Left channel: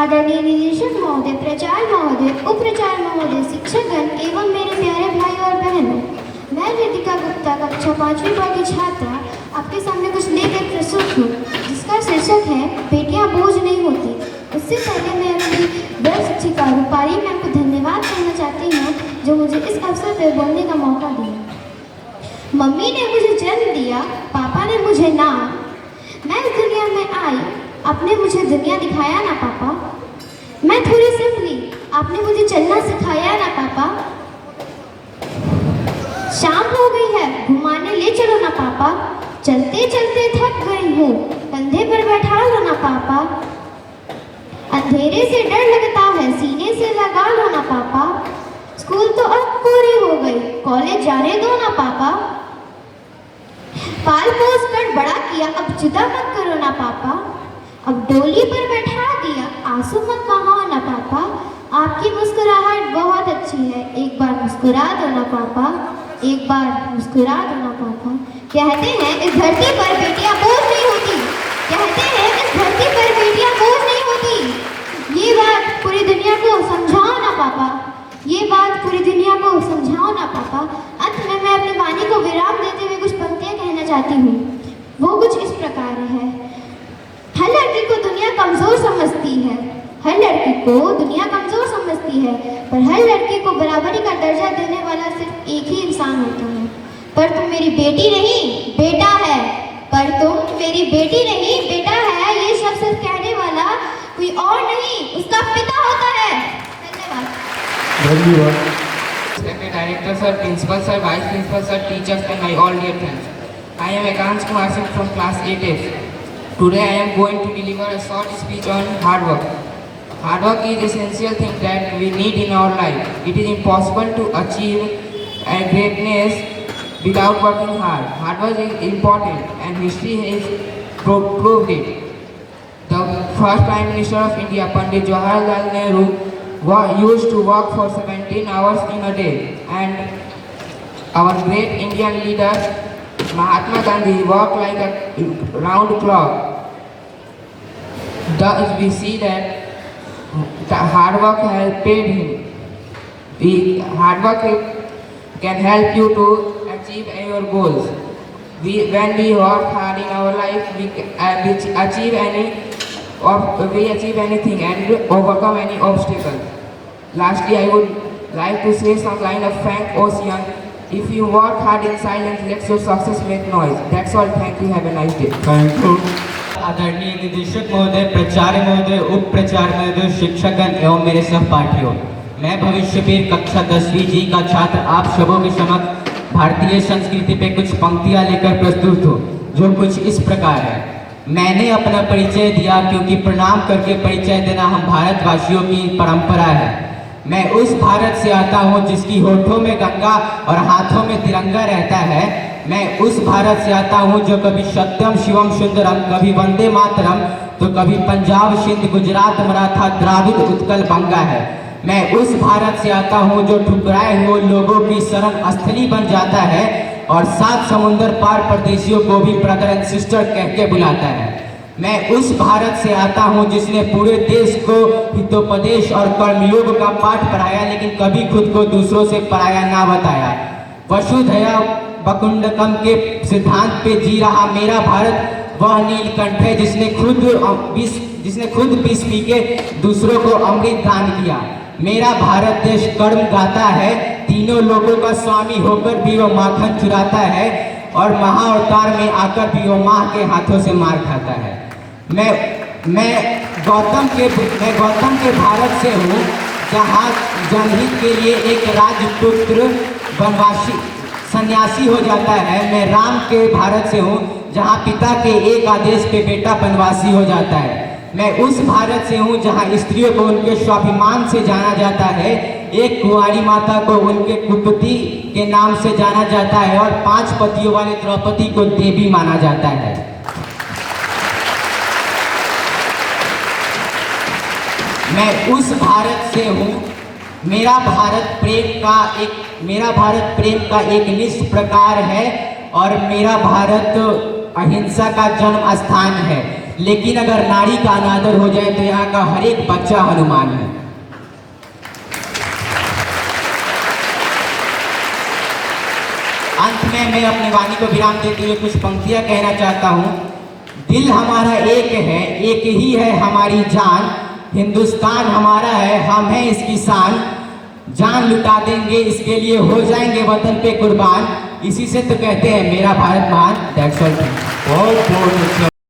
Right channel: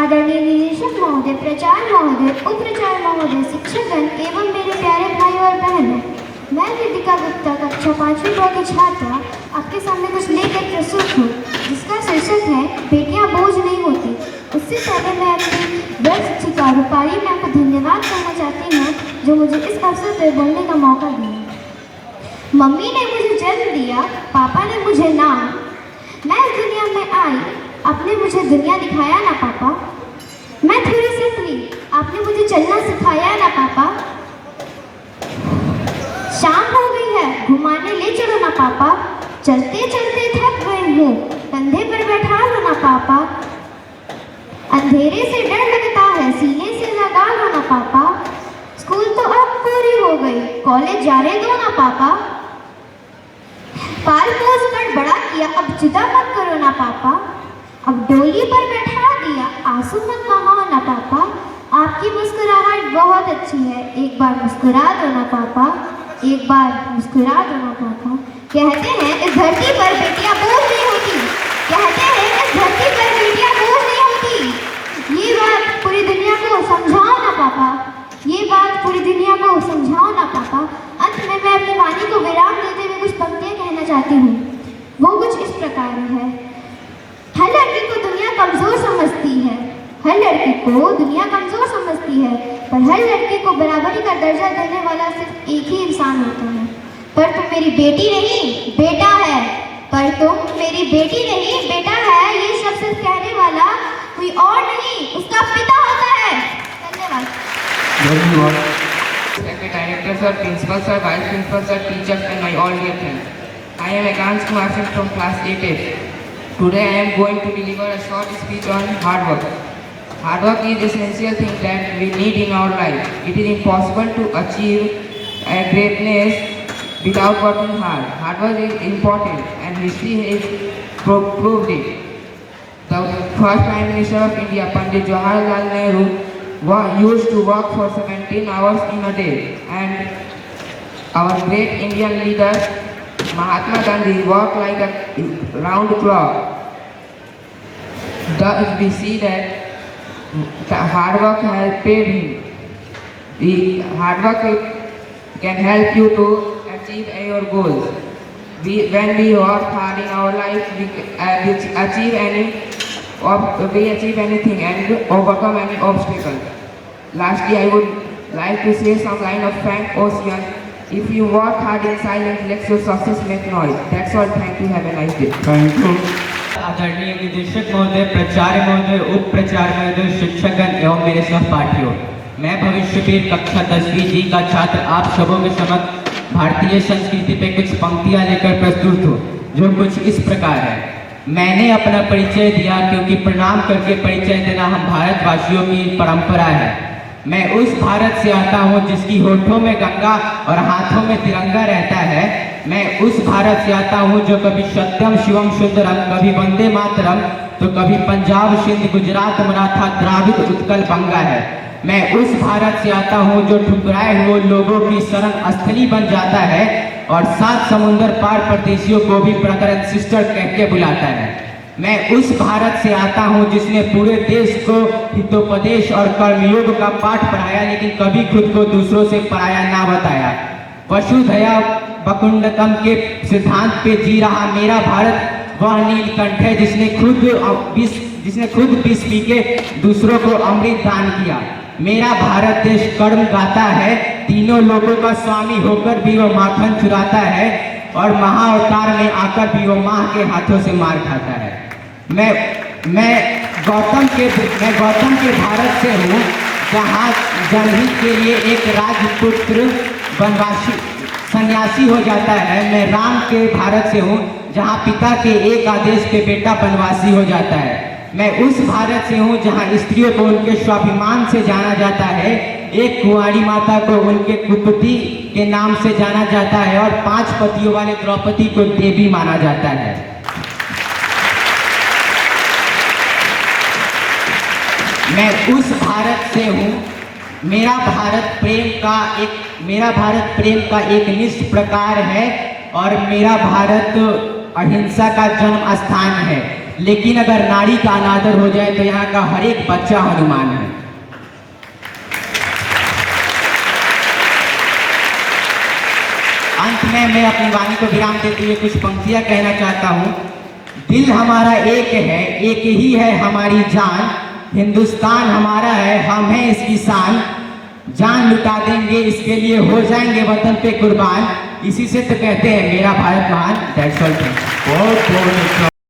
आदरणीय निदेशक महोदय, प्राचार्य महोदय, उपप्राचार्य महोदय, शिक्षकगण एवं मेरे प्यारे भाई और बहनों, मैं वेदिका गुप्ता कक्षा 5वीं की छात्रा आपके सामने कुछ लेकर प्रस्तुत हूँ, जिसका शीर्षक है बेटियां बोझ नहीं होती। उससे पहले मैं अपनी बड़ी शिक्षिका रूपाली मैम को धन्यवाद कहना चाहती हूँ, जो मुझे इस अवसर पर बोलने का मौका दिया। मम्मी ने मुझे जन्म दिया, पापा ने मुझे नाम, मैं इस दुनिया में आई, आपने मुझे दुनिया दिखाया ना पापा। मैं थोड़ी संभली, आपने मुझे चलना सिखाया ना पापा। शाम हो गई है, घुमाने ले चलो ना पापा। चलते चलते थक गई हूँ, कंधे पर बैठा लो ना पापा। अंधेरे से डर लगता है, सीने से लगा लो ना पापा। स्कूल तो अब पूरी हो गई, कॉलेज जाने दो ना पापा। पाल पोस कर बड़ा किया, अब जुदा मत करो ना पापा। अब डोली पर बैठा दिया, आंसू मत बहाओ ना पापा। आपकी मुस्कुराहट बहुत अच्छी है, एक बार मुस्कुरा दो ना पापा, एक बार मुस्कुरा दो ना पापा। कहते हैं इस धरती पर बेटियां बोझ नहीं होती, कहते हैं इस धरती पर बेटियां बोझ नहीं होती। ये बात पूरी दुनिया को समझाओ ना पापा, ये बात पूरी दुनिया को समझाओ ना पापा। अंत में मैं अपने वाणी को विराम देते हुए कुछ पंक्तियां कहना चाहती हूँ। वो कुछ इस प्रकार है। हर लड़की को दुनिया कमजोर समझती है, हर लड़की को दुनिया कमजोर समझती है, पर हर लड़की को बराबरी का दर्जा देने वाला सिर्फ एक ही इंसान होता है। पर तुम मेरी बेटी नहीं, बेटा है। पर तुम मेरी बेटी नहीं, बेटा है। ये शब्द सिर्फ कहने वाला कोई और नहीं, उसका पिता होता है। धन्यवाद। Director sir, principal sir, vice principal sir, teachers and my all dear friends. I am Ekans Kumar Singh from class 8F. Today I am going to deliver a short speech on hard work. Hard work is essential thing that we need in our life. It is impossible to achieve a greatness without working hard. Hard work is important and history has proved it. The first Prime Minister of India, Pandit Jawaharlal Nehru, used to work for 17 hours in a day, and our great Indian leader Mahatma Gandhi worked like a round clock. Thus we see that the hard work has paid him. Hard work can help you to achieve your goals. When we work hard in our life, we achieve anything and overcome any obstacle. Lastly, I would like to say some line of Frank Ocean. If you work hard in silence, let your success make noise. That's all. Thank you. Have a nice day. Thank you. आदरणीय निदेशक महोदय, प्राचार्य महोदय, उप प्राचार्य महोदय, शिक्षकगण एवं मेरे सहपाठियों, मैं भविष्यवीर कक्षा 10वीं जी का छात्र आप सबों के समक्ष भारतीय संस्कृति पे कुछ पंक्तियां लेकर प्रस्तुत हूँ, जो कुछ इस प्रकार है। मैंने अपना परिचय दिया क्योंकि प्रणाम करके परिचय देना हम भारतवासियों की परंपरा है। मैं उस भारत से आता हूँ जिसकी होठों में गंगा और हाथों में तिरंगा रहता है। मैं उस भारत से आता हूँ जो कभी सत्यम शिवम सुंदरम, कभी वंदे मातरम, तो कभी पंजाब सिंध गुजरात मराठा द्राविड़ उत्कल बंगा है। मैं उस भारत से आता हूँ जो ठुकराए हुए लोगों की शरण स्थली बन जाता है और 7 समुंदर पार परदेशियों को भी ब्रदर एंड सिस्टर कह के बुलाता है। मैं उस भारत से आता हूँ जिसने पूरे देश को हितोपदेश और कर्मयोग का पाठ पढ़ाया, लेकिन कभी खुद को दूसरों से पराया ना बताया। वसुधैव कुटुंबकम के सिद्धांत पे जी रहा मेरा भारत वह नीलकंठ है जिसने खुद विष पी के दूसरों को अमृत दान किया। मेरा भारत देश कर्म गाता है, तीनों लोगों का स्वामी होकर भी वो माखन चुराता है और महाअवतार में आकर भी वो माँ के हाथों से मार खाता है। मैं गौतम के भारत से हूँ, जहाँ जनहित के लिए एक राजपुत्र वनवासी सन्यासी हो जाता है। मैं राम के भारत से हूँ, जहाँ पिता के एक आदेश पे बेटा वनवासी हो जाता है। मैं उस भारत से हूँ जहाँ स्त्रियों को उनके स्वाभिमान से जाना जाता है, एक कुंवारी माता को उनके कुपति के नाम से जाना जाता है और 5 पतियों वाले द्रौपदी को देवी माना जाता है। मैं उस भारत से हूँ, मेरा भारत प्रेम का एक निष्ठ प्रकार है और मेरा भारत अहिंसा का जन्म स्थान है। लेकिन अगर नारी का अनादर हो जाए तो यहाँ का हर एक बच्चा हनुमान है। अंत में मैं अपनी वाणी को विराम देते हुए कुछ पंक्तियां कहना चाहता हूँ। दिल हमारा एक है, एक ही है हमारी जान, हिंदुस्तान हमारा है, हम हैं इसकी शान, जान लुटा देंगे इसके लिए, हो जाएंगे वतन पे कुर्बान, इसी से तो कहते हैं मेरा भारत महान। That's all. बहुत बहुत अच्छा।